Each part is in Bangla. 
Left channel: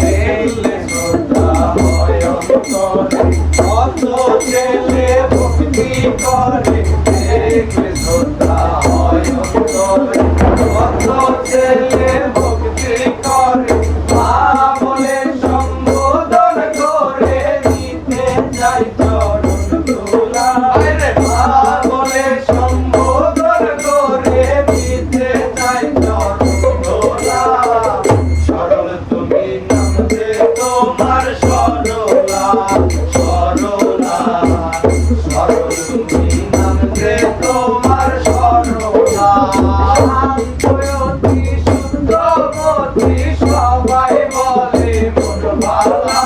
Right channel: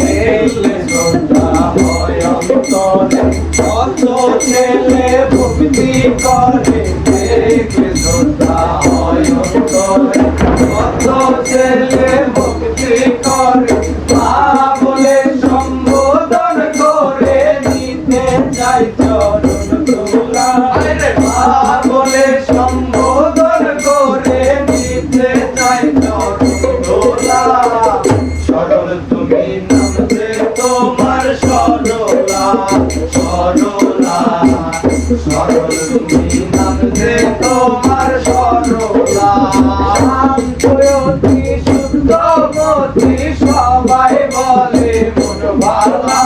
দেখলে শ্রদ্ধা হয় অন্তরে, কত ছেলে ভক্তি করে। দেখলে শ্রদ্ধা হয় অন্তরে, কত ছেলে ভক্তি করে। মা বলে সম্বোধন করে নিতে চাই চরণ ধুলা। মা বলে সম্বোধন করে নিতে চাই চরণ ধুলা। সরল তুমি নামতে তোমার সরলা, সরলা। সরল তুমি নামতে তোমার সরলা। শান্তয়তি শুদ্ধমতি সবাই বলে মোর ভালা।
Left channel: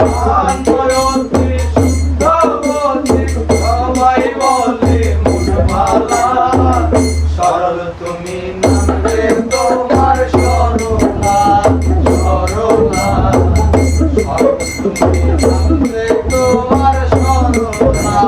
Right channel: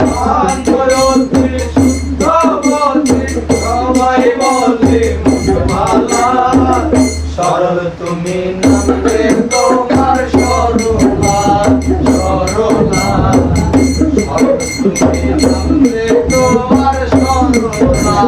শান্তয়তি শুদ্ধমতি সবাই বলে মোর ভালা। সরল তুমি নামতে তোমার সরলা, সরলা। সরল তুমি নামতে তোমার সরলা।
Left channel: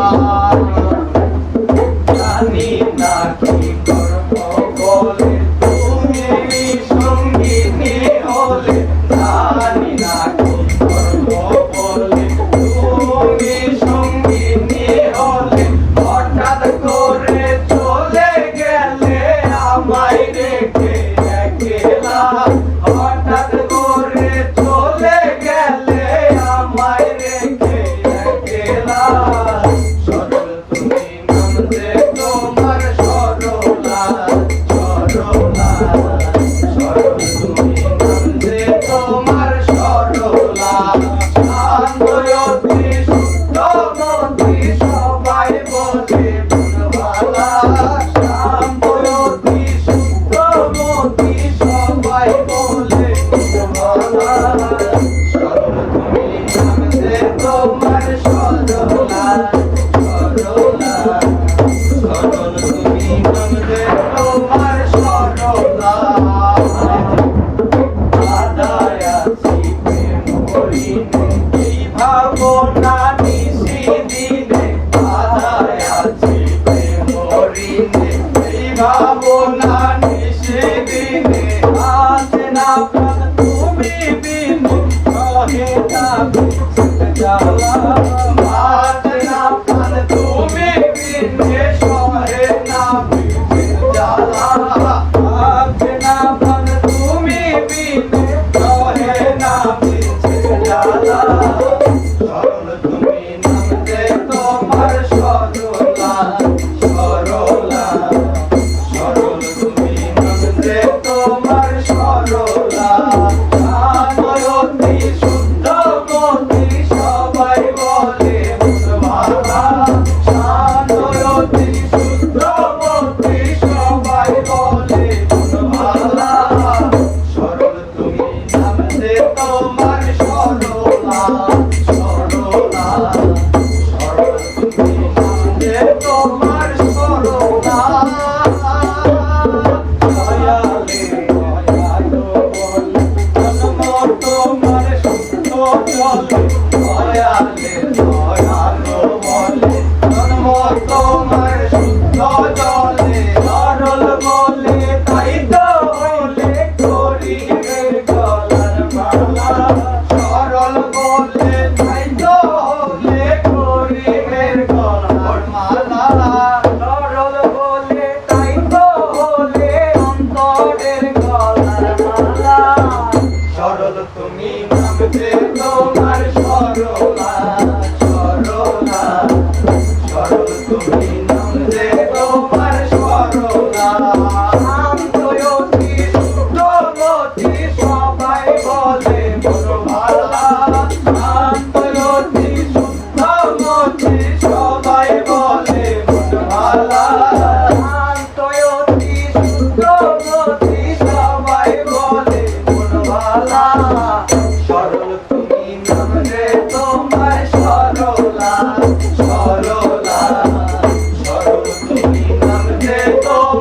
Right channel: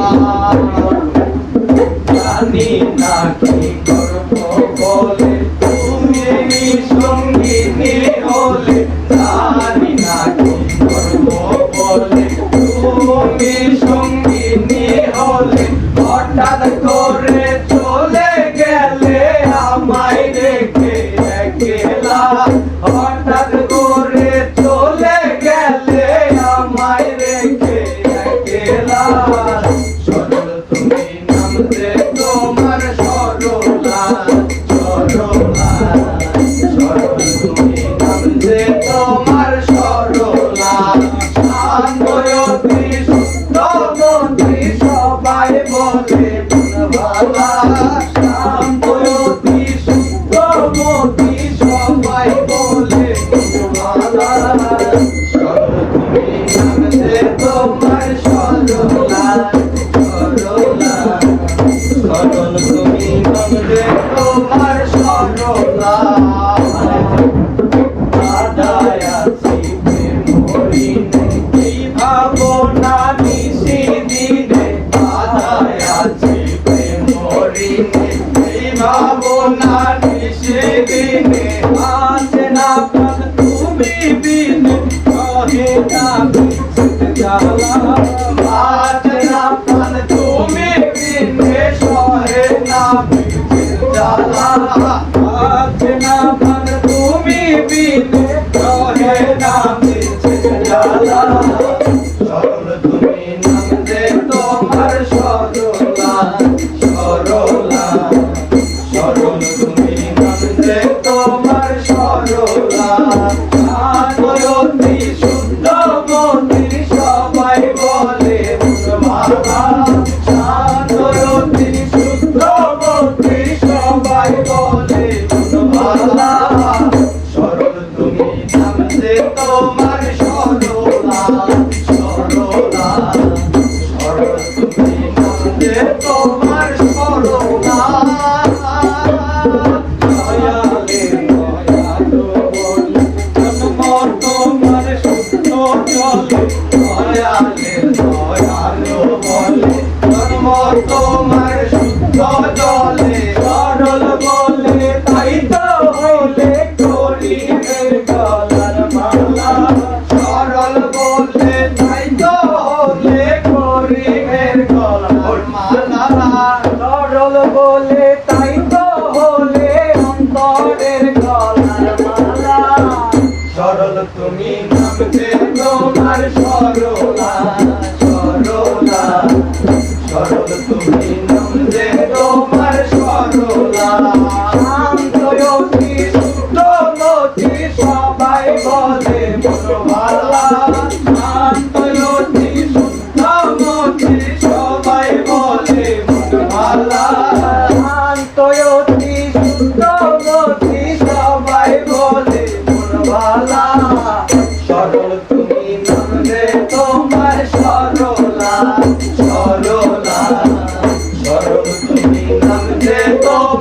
জানি না কি করব বলে তুমি সঙ্গিনী হলে। জানি না কি করব বলে তুমি সঙ্গিনী হলে। হঠাৎ করে চলে গেলে আমায় রেখে একলা। হঠাৎ করে চলে গেলে আমায় রেখে একলা। সরল তুমি নামতে তোমার সরলা, সরলা। সরল তুমি নামতে তোমার সরলা। শান্তয়তি শুদ্ধমতি সবাই বলে মোর ভালা। শান্তয়তি শুদ্ধমতি সবাই বলে মোর ভালা। সরল তুমি নামতে তোমার সরলা, সরলা। সরল তুমি নামতে তোমার সরলা। বাধায় আছি প্রেম হরিণে, এই ভাবনা নিশি দিনে। বাধায় আছি প্রেম হরিণে, এই ভাবনা নিশি দিনে। আছে না প্রাণ তুমি বিনে, সহে না বিচ্ছেদ জ্বালা। আছে না প্রাণ তুমি বিনে, সহে না বিচ্ছেদ জ্বালা। আছে না প্রাণ তুমি বিনে, সহে না বিচ্ছেদ জ্বালা। সরল তুমি নামতে তোমার সরলা, সরলা। সরল তুমি নামতে তোমার সরলা। শান্তয়তি শুদ্ধমতি সবাই বলে মোর ভালা। শান্তয়তি শুদ্ধমতি সবাই বলে মোর ভালা। সরল তুমি নামতে তোমার সরলা, সরলা। সরল তুমি নামতে তোমার সরলা। দয়ালে দয়ালু বলে জন্ম তোমার শুদ্ধ জলে। দয়ালে দয়ালু বলে জন্ম তোমার শুদ্ধ জলে। সরল বলে তাই তো হলে করিমের গলার মালা। সরল বলে তাই তো হলে করিমের গলার মালা। সরল বলে তাই তো হলে অন্তরের গলার মালা। সরল তুমি নামতে তোমার সরলা, সরলা। সরল তুমি নামতে তোমার সরলা। শান্তয়তি শুদ্ধমতি সবাই বলে মোর ভালা। শান্তয়তি শুদ্ধমতি সবাই বলে মোর ভালা। শান্তয়তি শুদ্ধমতি সবাই বলে মোর ভালা। সরল তুমি নামতে তোমার সরলা, সরলা। সরল তুমি নামতে তোমার